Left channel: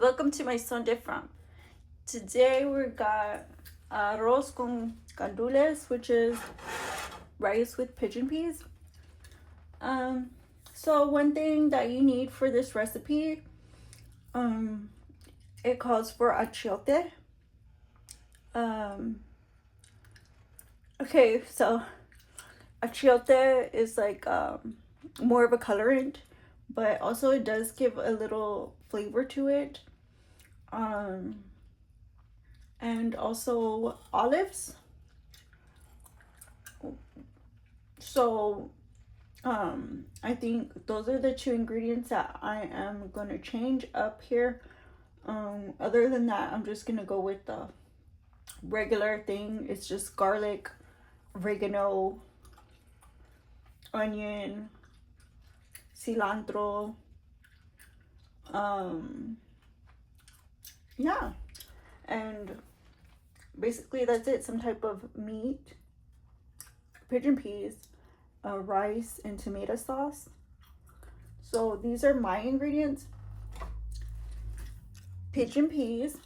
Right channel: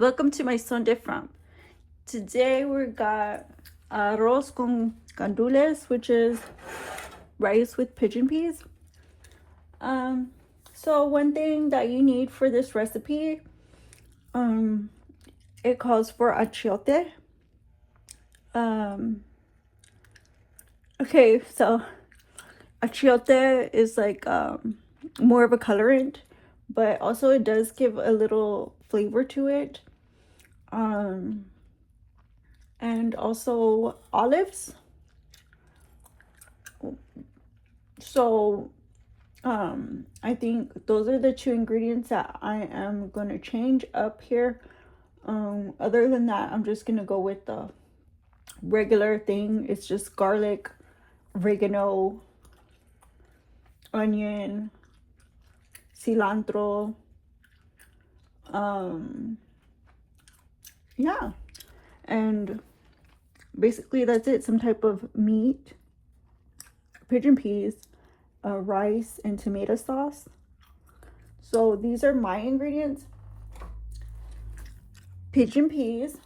Welcome to my Sunday From. Today we got Arroz Con Gandules, which is rice with pigeon peas. So one thing that you need for this recipe, it calls for achiote. Okay, so achiote is like more of a colorant, but also it does give a little flavor to it. And also olives. So I think those are the two ingredients that I am going to change up here. Other than that, I'm just going to go with the regular thing. It's just garlic, oregano, onion, cilantro, yeah, and basically that's it. Some type of meat, pigeon peas, rice, and tomato sauce. So these are my ingredients: pigeon peas,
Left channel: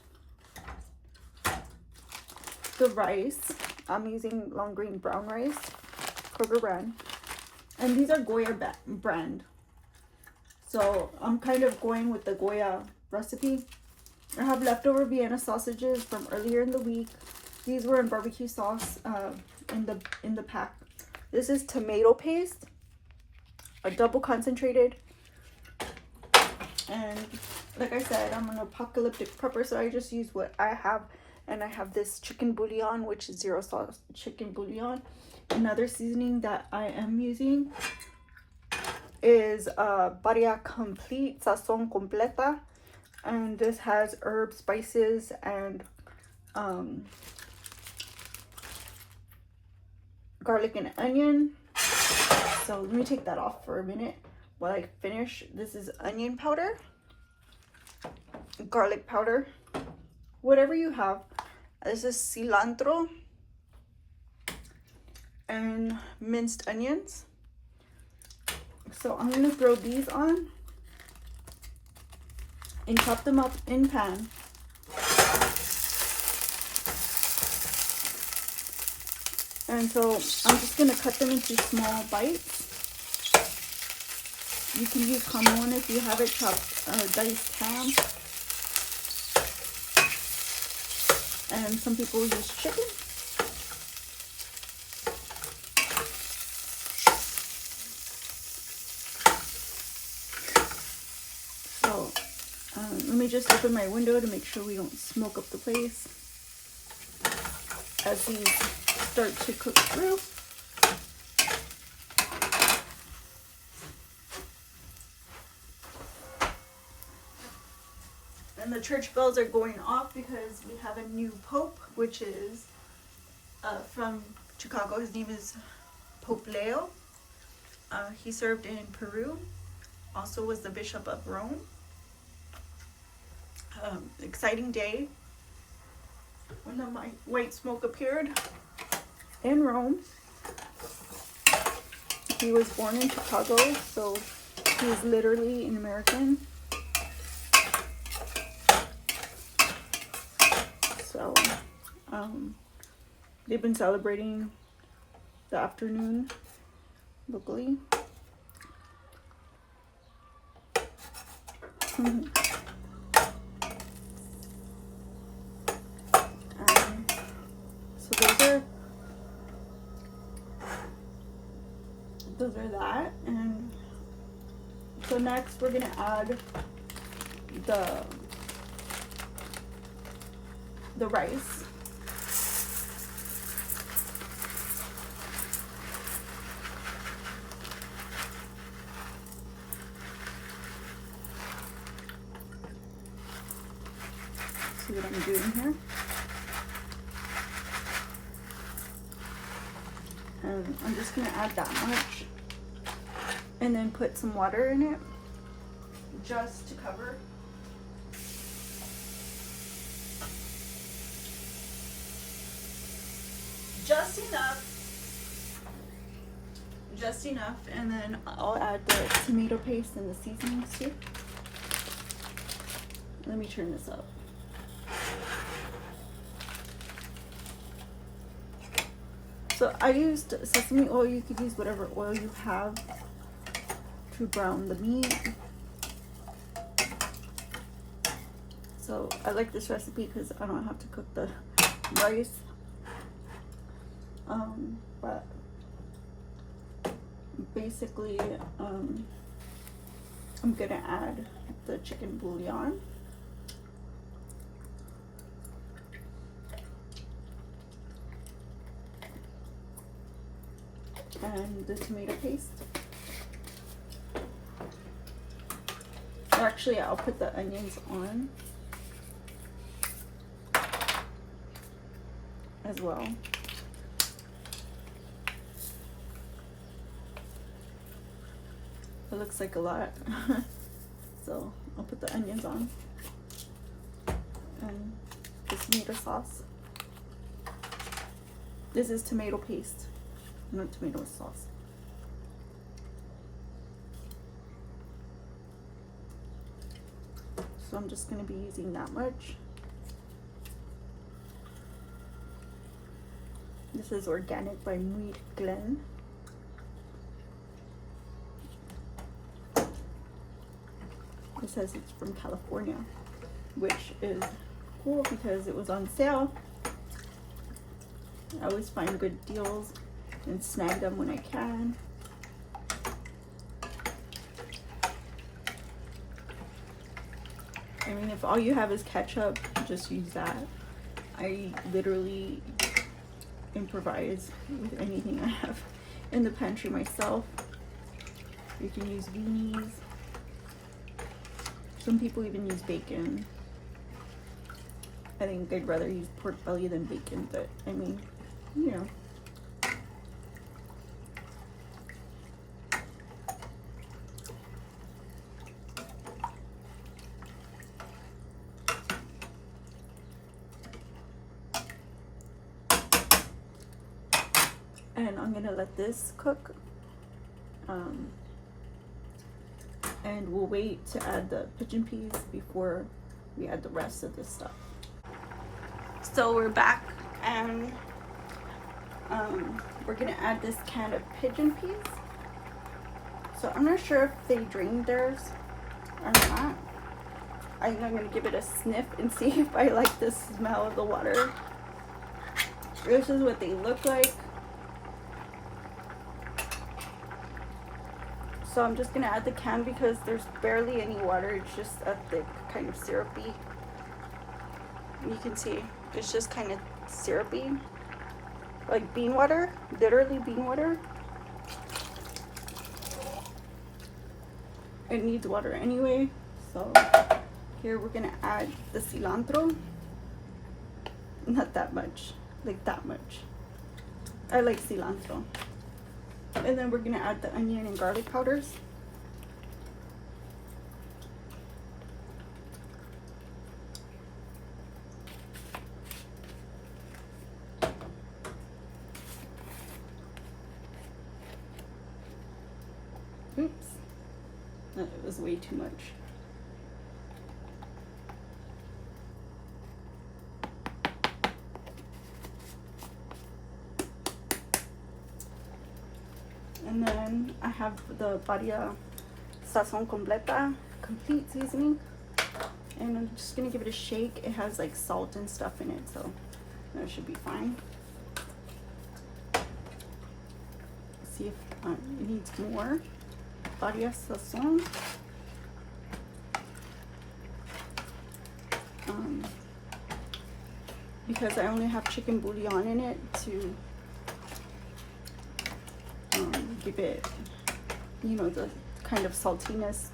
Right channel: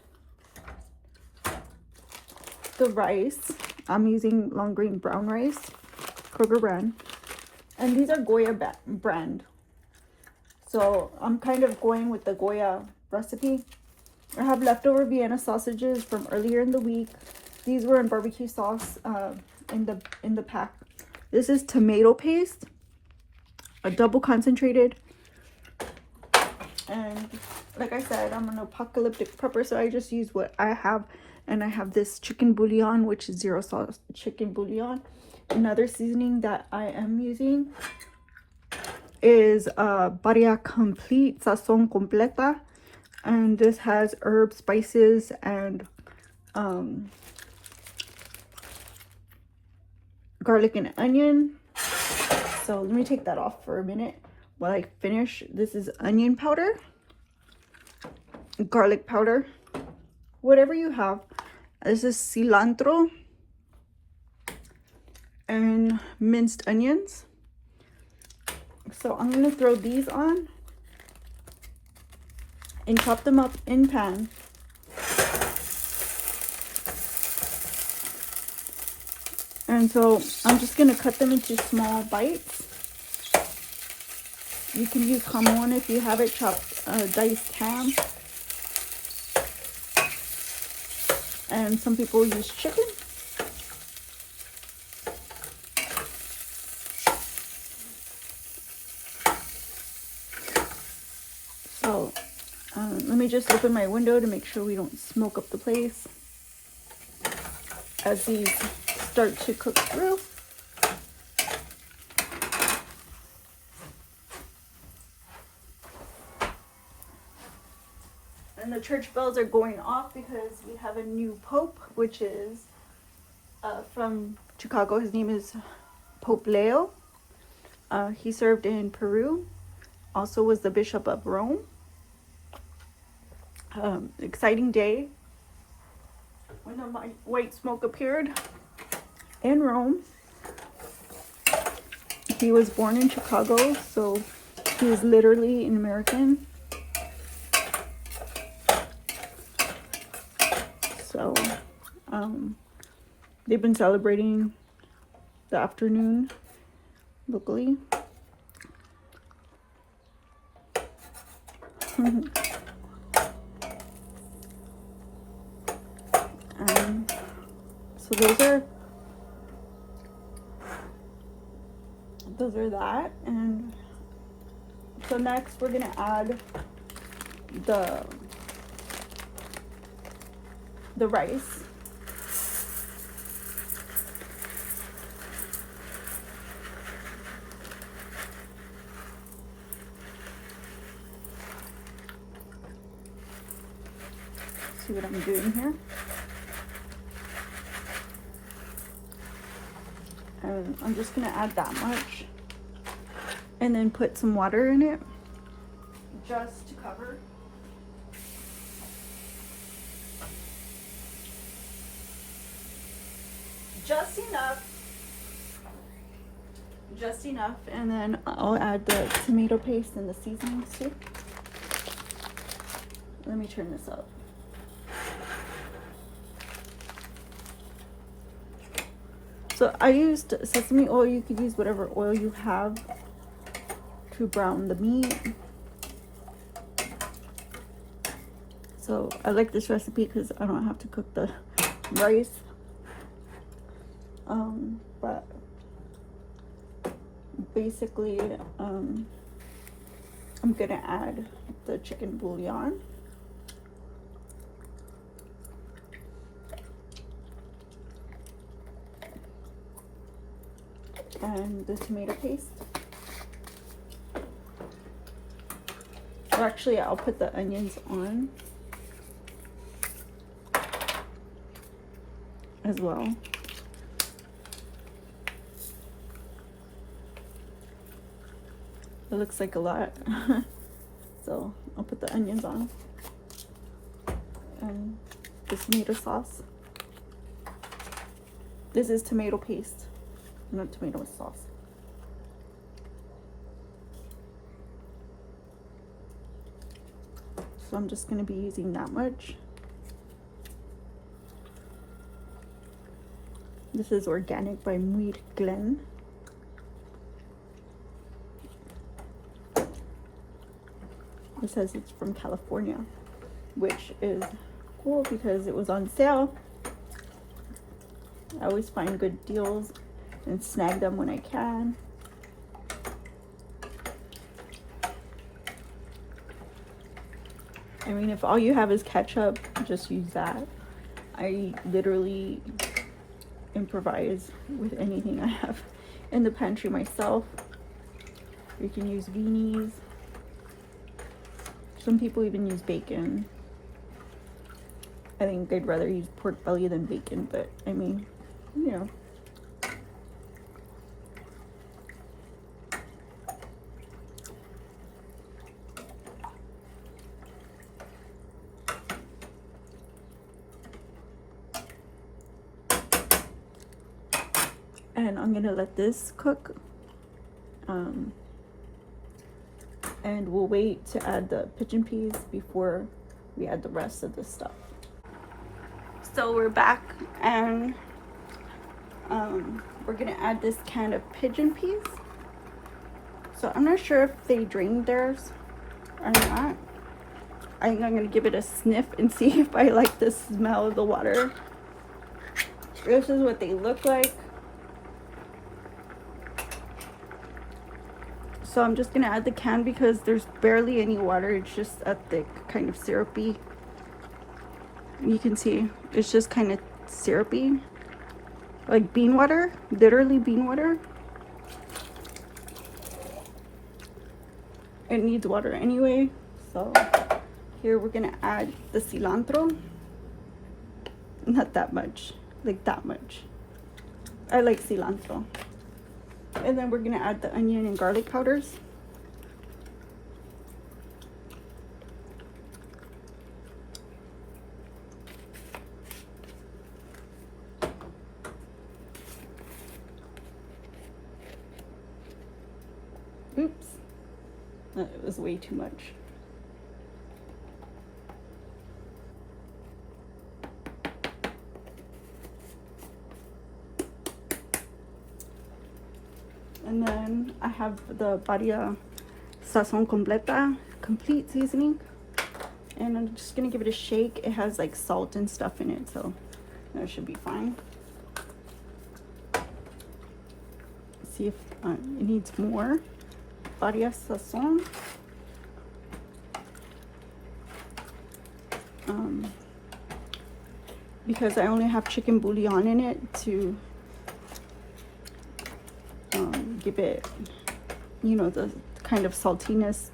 the rice. I'm using long grain brown rice, Kroger brand, and these are Goya brand. So I'm kind of going with the Goya recipe. I have leftover Vienna sausages from earlier in the week. These were in barbecue sauce in the pack. This is tomato paste, a double concentrated. And like I said, I'm an apocalyptic prepper, so I just use what I have. And I have this chicken bouillon, which is zero sauce chicken bouillon. Another seasoning that I am using is Badia complete Sazon completa, and this has herbs, spices, and garlic and onion. So let me take that off for a minute while I finish. This is onion powder, garlic powder, whatever you have. This is cilantro and minced onions. So I'm going to throw these on and chop them up in pan. And so I'm just going to cut them into small bites. You can use jamon if you have it, chopped diced ham. And some people use chicken. So let me just open my window to make sure we don't smoke up the place as these start to cook through. And the church bells are going off because we have a new pope, which is from Chicago. His name is Pope Leo. He served in Peru, also was the Bishop of Rome. Exciting day when the white smoke appeared in Rome. He was born in Chicago, so he is literally an American. So they've been celebrating the afternoon locally. So those are that. And so next we're gonna add the rice. See what I'm doing here. I'm just gonna add that much and then put some water in it just to cover. Just enough, and then I'll add the tomato paste and the seasonings too. Let me turn this up. So I used sesame oil. You could use whatever oil you have to brown the meat. So I like this recipe because I don't have to cook the rice. But basically, I'm gonna add the chicken bouillon. And the tomato paste. Actually, I'll put the onions on as well. It looks like a lot. So I'll put the onions on. And the tomato sauce. This is tomato paste, not tomato sauce. So I'm just going to be using that much. This is organic by Minced. It says it's from California, which is cool because it was on sale. I always find good deals and snag them when I can. I mean, if all you have is ketchup, just use that. I literally improvise with anything I have in the pantry myself. You can use beanies. Some people even use bacon. I think they'd rather use pork belly than bacon, but I mean, you know. And I'm gonna let this cook. And we'll wait to add the pigeon peas before we add the rest of this stuff. So we're back, and we're gonna add this can of pigeon peas. So I'm not sure if they drained theirs or not. I'm gonna give it a sniff and see if I like the smell of the water. This is what they look like. So I'm just gonna add the can because there's barely any water. It's just a thick, kind of syrupy. And you can see it's just kind of syrupy, like bean water, literally bean water. It needs water anyway. So here we're gonna add the cilantro. Not that much, like that much. I like cilantro. And then we're gonna add the onion and garlic powders. Oops, that was way too much. And then I have the Badia Sazon complete seasoning. And I'm just gonna give it a shake. It has like salt and stuff in it, so that should be fine. See if it needs more. Badia Sazon. Because I only have chicken bouillon in it to give it, you know, the kind of saltiness.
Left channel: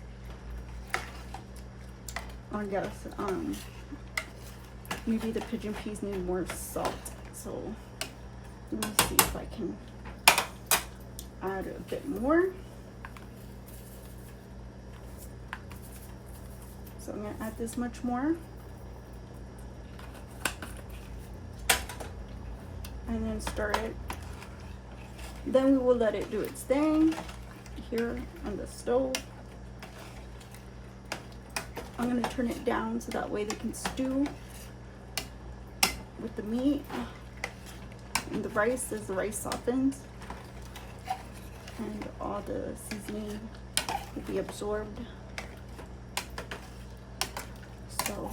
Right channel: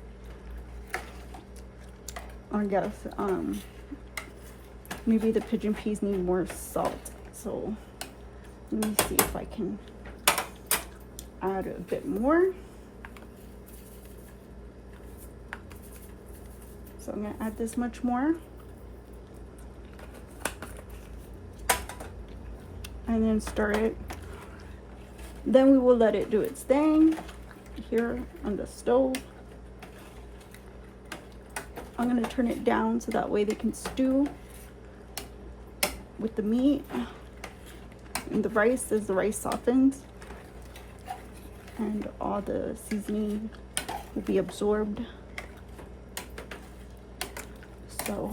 I guess maybe the pigeon peas need more salt, so let me see if I can add a bit more. So I'm gonna add this much more, and then stir it. Then we will let it do its thing here on the stove. I'm gonna turn it down so that way they can stew with the meat and the rice as the rice softens and all the seasoning will be absorbed. So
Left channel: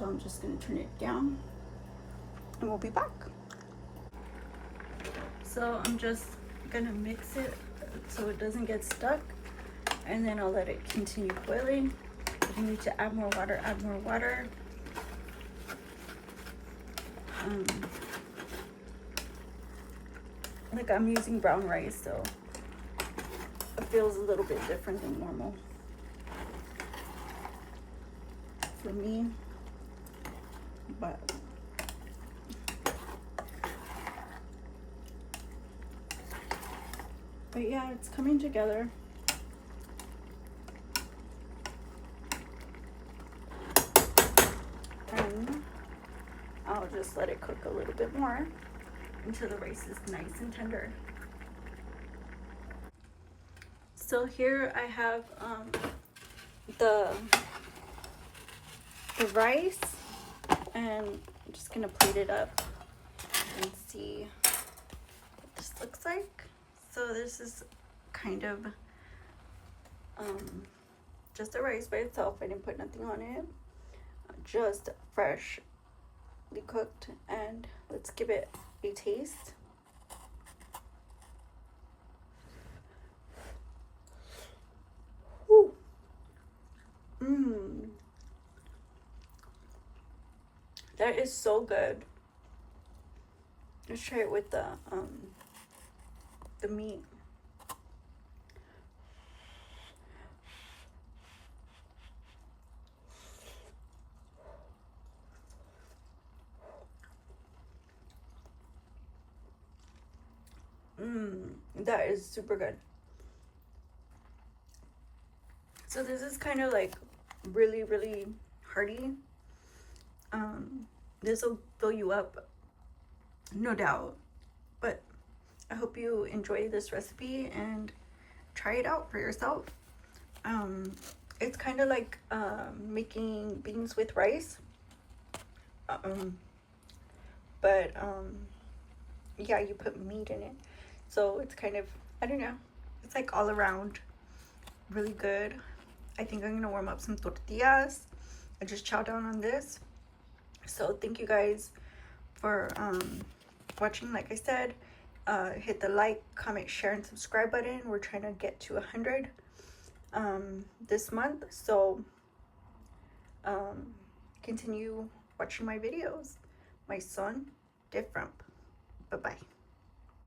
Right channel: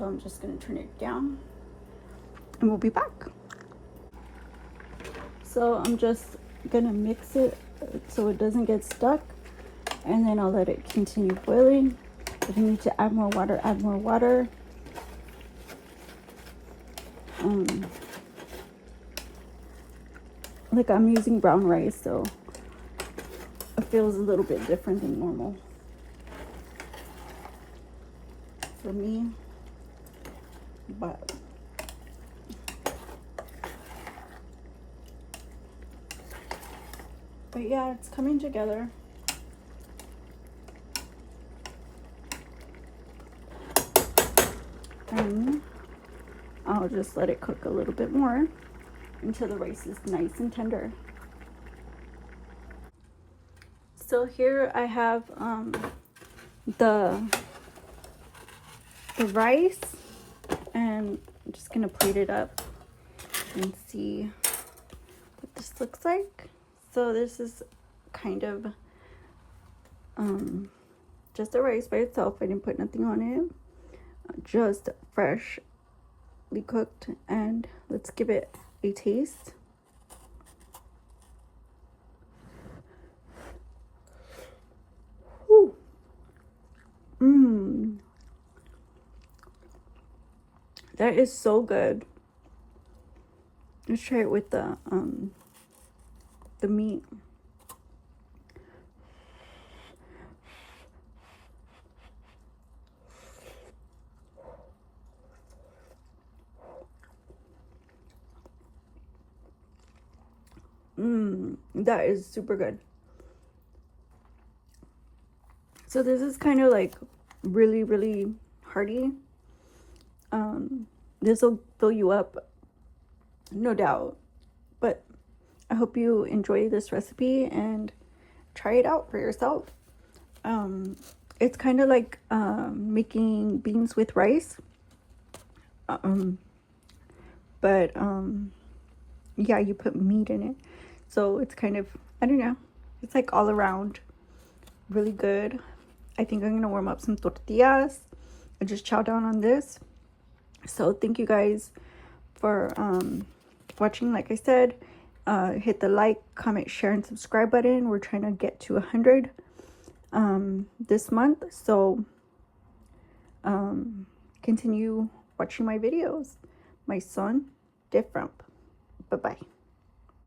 I'm just gonna turn it down and we'll be back. So I'm just gonna mix it so it doesn't get stuck, and then I'll let it continue boiling. If you need to add more water, add more water. Like I'm using brown rice, so it feels a little bit different than normal for me, but yeah, it's coming together. And I'll just let it cook a little bit more until the rice is nice and tender. So here I have the rice, and I'm just gonna plate it up and see what this looks like. So this is kind of just the rice by itself. I didn't put nothing on it, just freshly cooked, and let's give it a taste. Whew. That is so good. Let's try it with the meat. That is super good. So this is kind of like really hearty. This will fill you up, no doubt, but I hope you enjoy this recipe and try it out for yourself. It's kind of like making beans with rice, but yeah, you put meat in it, so it's kind of, I don't know, it's like all around really good. I think I'm gonna warm up some tortillas and just chow down on this. So thank you guys for watching. Like I said, hit the like, comment, share, and subscribe button. We're trying to get to 100 this month, so continue watching my videos. My son different. Bye bye.